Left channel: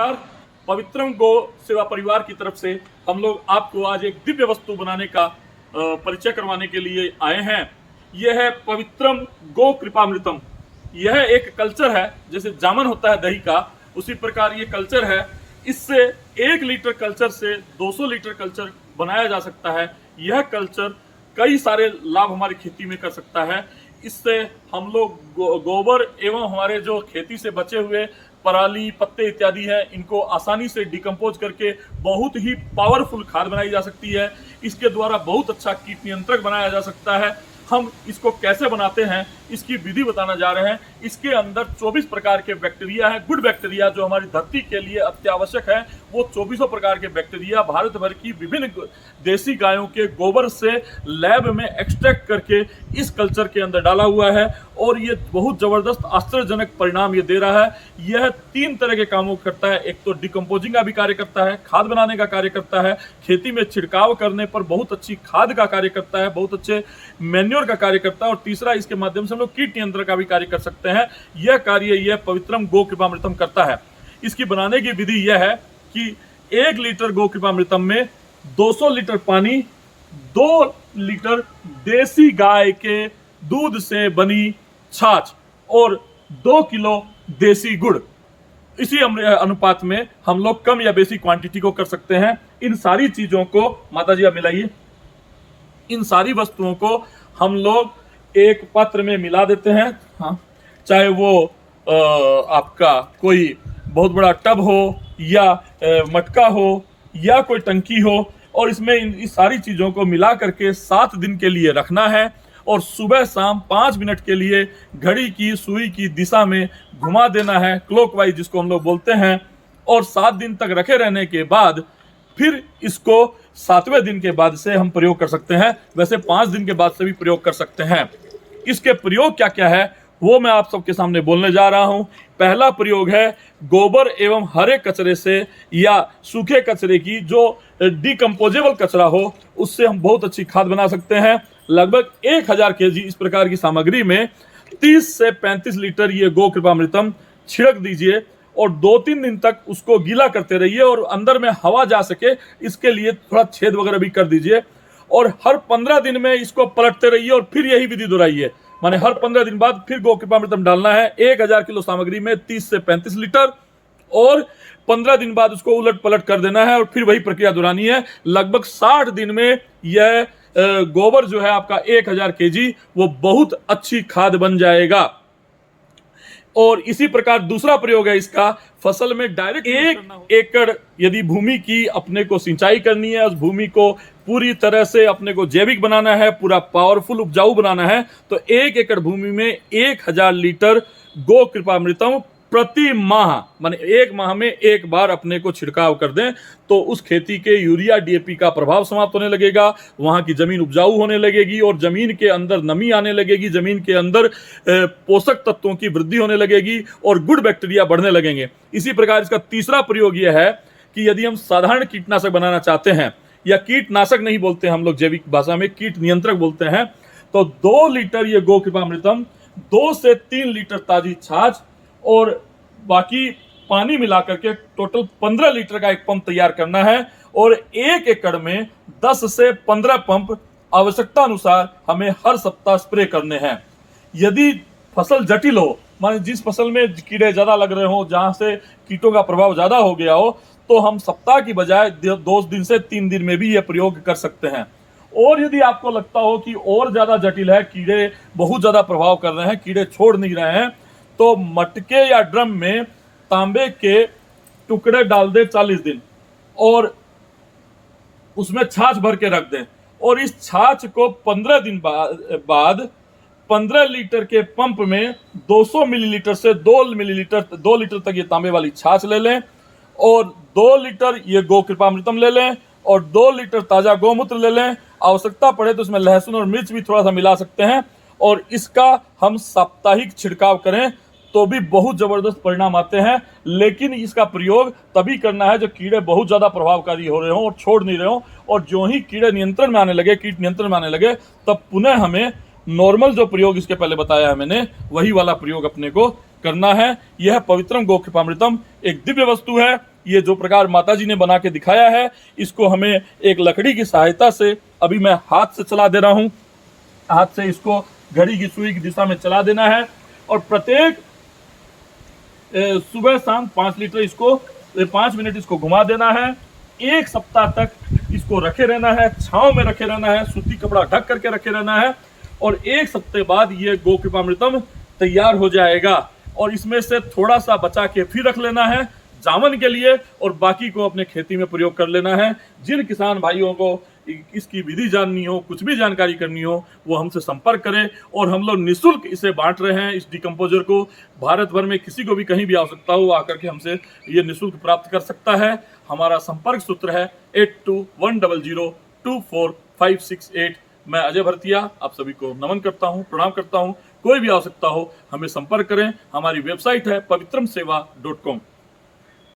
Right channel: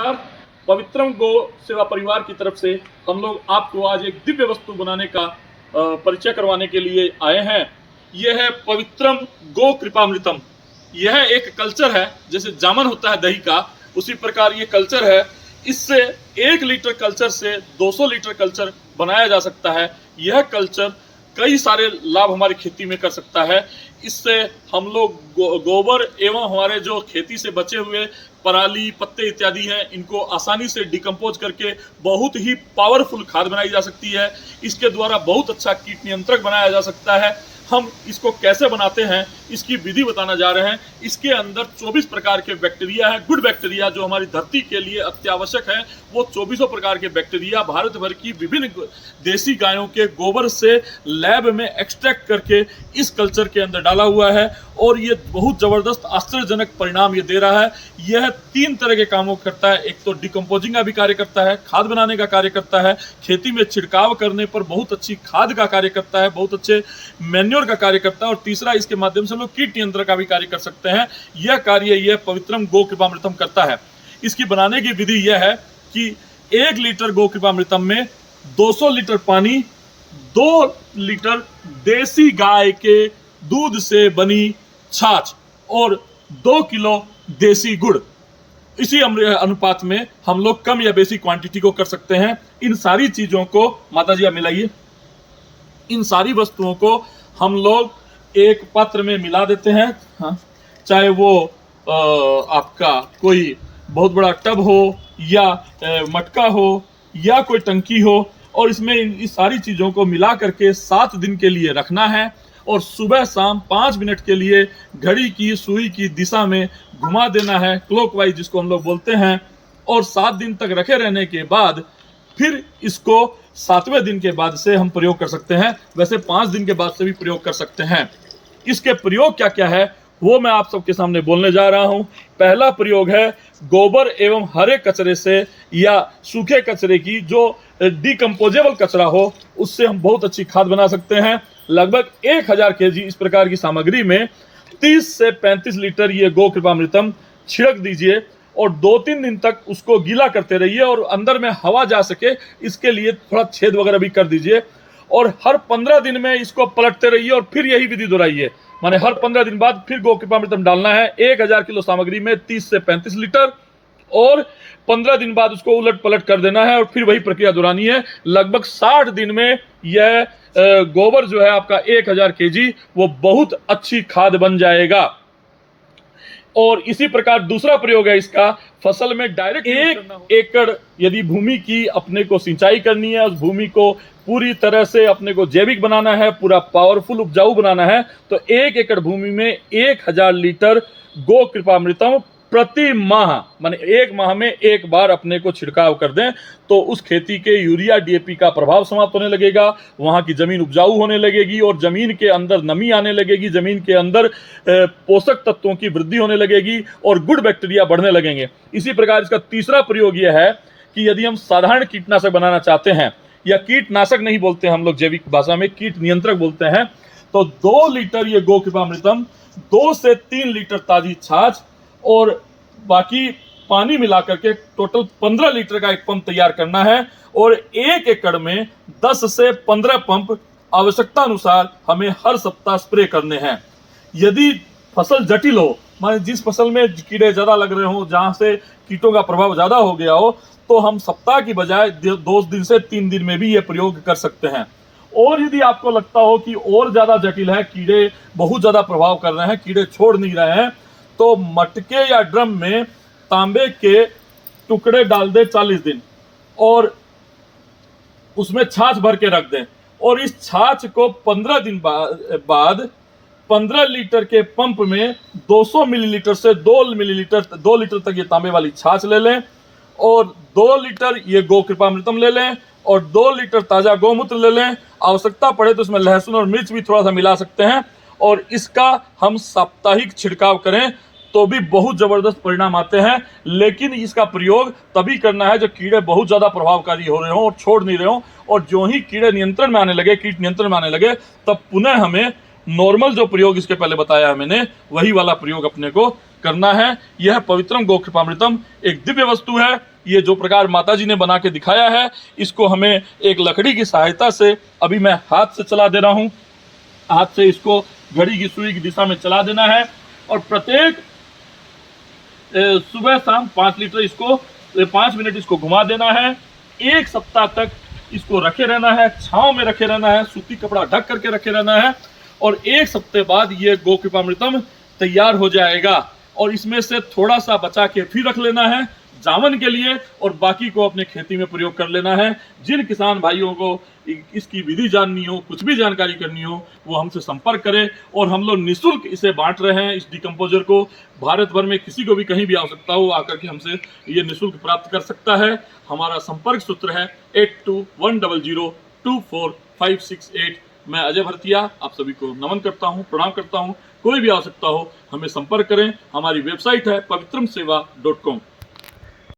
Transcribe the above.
नमस्कार। पवित्रम गो सेवा परिवार की तरफ से हम लोग आपको आज एक दिव्य वस्तु बनाने का परिचय करवाने के लिए आए हैं। यह है पवित्रम गो कृपामृतम। यह एक कल्चर है, जैसे जामन होता है दही का, उसी प्रकार ये कल्चर है। इससे 1 लीटर कल्चर से 200 लीटर कल्चर बनाया जा सकता है। यह कल्चर कई सारे लाभ हमारी खेती में कर सकता है। इससे हम लोग गोबर एवं हमारे जो खेती से बचे हुए पराली पत्ते इत्यादि हैं, इनको आसानी से डिकम्पोज करके बहुत ही पावरफुल खाद बनाई जा सकती है। इसके द्वारा बहुत अच्छा कीट नियंत्रक बनाया जा सकता है। हम इसको कैसे बनाते हैं इसकी विधि बताना जा रहे हैं। इसके अंदर 24 प्रकार के बैक्टीरिया हैं, गुड बैक्टीरिया, जो हमारी धरती के लिए अत्यावश्यक है। वो 24 प्रकार के बैक्टीरिया भारत भर की विभिन्न देसी गायों के गोबर से लैब में एक्सट्रैक्ट करके इस कल्चर के अंदर डाला हुआ है और ये बहुत ज़बरदस्त आश्चर्यजनक परिणाम ये दे रहा है। यह 3 तरह के कामों करता है। एक तो डिकम्पोजिंग का भी कार्य करता है, खाद बनाने का कार्य करता है, खेती में छिड़काव करने पर बहुत अच्छी खाद का कार्य करता है, बहुत अच्छे मैन्योर का कार्य करता है, और तीसरा इसके माध्यम से हम लोग कीट नियंत्रण का भी कार्य कर सकते हैं। यह कार्य यह पवित्रम गो कृपामृतम करता है। इसकी बनाने की विधि यह है कि 1 लीटर गो कृपामृतम में 200 लीटर पानी, 2 लीटर देसी गाय के दूध से बनी छाछ और 2 किलो देसी गुड़, इसी अनुपात में हम लोग कम या बेसी क्वांटिटी को कर सकते हैं। इन सारी चीजों को, माता जी आप मिलाइए, इन सारी वस्तुओं को हम लोग एक पात्र में मिला देते हैं। हाँ, चाहे वो आपका कोई बहुत बड़ा टब हो या मटका हो या कोई टंकी हो, और इसमें इन सारी चीज़ों को मिला करके 7 दिन के लिए रखना है और सुबह शाम 5 मिनट के लिए घड़ी की सुई की दिशा में घुमा देना है, क्लॉकवाइज जिसको हम लोग बोलते हैं। और 7 दिन तक रखे रहने के बाद फिर इसको 7वें दिन के बाद से हम प्रयोग कर सकते हैं। वैसे 5 दिन के बाद से भी प्रयोग कर सकते हैं। इसके प्रयोग क्या क्या है वो मैं आप सबके सामने बोलने जा रहा हूं। पहला प्रयोग है गोबर एवं हरे कचरे से या सूखे कचरे की, जो डिकम्पोजेबल कचरा हो, उससे हम बहुत अच्छी खाद बना सकते हैं। लगभग 1000 केजी इस प्रकार की सामग्री में 30 से 35 लीटर ये गो कृपामृतम छिड़क दीजिए और 2-3 दिन तक उसको गीला करते रहिए और अंदर में हवा जा सके इसके लिए थोड़ा छेद वगैरह भी कर दीजिए। और हर 15 दिन में इसको पलटते रहिए और फिर यही विधि दोहराइए। माने हर 15 दिन बाद फिर गो कृपामृतम डालना है। 1000 किलो सामग्री में 30 से 35 लीटर, और 15 दिन बाद उसको उलट पलट कर देना है और फिर वही प्रक्रिया दोहरानी है। लगभग 60 दिन में यह गोबर जो है आपका 1000 केजी वो बहुत अच्छी खाद बन जाएगा। और इसी प्रकार दूसरा प्रयोग है इसका, फसल में डायरेक्ट 1 एकड़ यदि भूमि की अपने को सिंचाई करनी है, उस भूमि को पूरी तरह से अपने को जैविक बनाना है, पूरा पावरफुल उपजाऊ बनाना है, तो 1 एकड़ भूमि में 1000 लीटर गो कृपामृतम प्रति माह, माने 1 माह में 1 बार अपने को छिड़काव कर दें तो उस खेती के यूरिया डीएपी का प्रभाव समाप्त होने लगेगा, वहां की जमीन उपजाऊ होने लगेगी और जमीन के अंदर नमी आने लगेगी, जमीन के अंदर पोषक तत्वों की वृद्धि होने लगेगी और गुड बैक्टीरिया बढ़ने लगेंगे। इसी प्रकार इसका तीसरा प्रयोग यह है कि यदि हम साधारण कीटनाशक बनाना चाहते हैं, या कीटनाशक नहीं बोलते हम लोग जैविक भाषा में कीट नियंत्रक बोलते हैं, तो 2 लीटर ये गो कृपामृतम, 2 से 3 लीटर ताजी छाछ और बाकी पानी मिला करके टोटल 15 लीटर का एक पंप तैयार करना है। और 1 एकड़ में 10 से 15 पंप आवश्यकता अनुसार हमें हर सप्ताह स्प्रे करने हैं। यदि फसल जटिल हो, माने जिस फसल में कीड़े ज़्यादा लग रहे हो, जहाँ से कीटों का प्रभाव ज़्यादा हो गया हो, तो हम सप्ताह की बजाय 2 दिन से 3 दिन में भी यह प्रयोग कर सकते हैं। और यदि आपको लगता हो कि और ज़्यादा जटिल है, कीड़े बहुत ज़्यादा प्रभाव कर रहे हैं, कीड़े छोड़ नहीं रहे हैं, तो मटके या ड्रम में तांबे के टुकड़े डाल दें 40 दिन और उसमें छाछ भर के रख दें, और इस छाछ को 15 दिन बाद 15 लीटर के पंप में 200 मिलीलीटर से 2 लीटर तक ये तांबे वाली छाछ ले लें और 2 लीटर ये गो कृपामृतम ले लें और 2 लीटर ताज़ा गौमूत्र ले लें। आवश्यकता पड़े तो इसमें लहसुन और मिर्च भी थोड़ा सा मिला सकते हैं, और इसका हम साप्ताहिक छिड़काव करें तो भी बहुत ज़बरदस्त परिणाम आते हैं। लेकिन इसका प्रयोग तभी करना है जब कीड़े बहुत ज़्यादा प्रभावकारी हो रहे हों और छोड़ नहीं रहे हों, और जो ही कीड़े नियंत्रण में आने लगे, कीट नियंत्रण में आने लगे, तब पुनः हमें नॉर्मल जो प्रयोग इसके पहले बताया है मैंने, वही वाला प्रयोग अपने को करना है। यह पवित्रम गो कृपामृतम एक दिव्य वस्तु है। ये जो प्रकार माता जी ने बना के दिखाया है, इसको हमें एक लकड़ी की सहायता से अभी मैं हाथ से चला दे रहा हूँ। हाथ से इसको घड़ी की सुई की दिशा में चला देना है और प्रत्येक सुबह शाम 5 लीटर इसको 5 मिनट इसको घुमा देना है। 1 सप्ताह तक इसको रखे रहना है, छांव में रखे रहना है, सूती कपड़ा ढक करके रखे रहना है और 1 सप्ताह बाद ये गो कृपामृतम तैयार हो जाएगा। और इसमें से थोड़ा सा बचा के फिर रख लेना है जामन के लिए और बाकी को अपने खेती में प्रयोग कर लेना है। जिन किसान भाइयों को इसकी विधि जाननी हो, कुछ भी जानकारी करनी हो, वो हमसे संपर्क करें और हम लोग निःशुल्क इसे बांट रहे हैं। इस डिकम्पोजर को भारत भर में किसी को भी कहीं भी आवश्यकता हो आकर के हमसे ये निःशुल्क प्राप्त कर सकता है। हमारा संपर्क सूत्र है 8210024568। मैं अजय भरतिया आप सभी को नमन करता हूँ, प्रणाम करता हूँ। कोई भी आवश्यकता हो हमें संपर्क करें। हमारी वेबसाइट है pavitrmseva.com।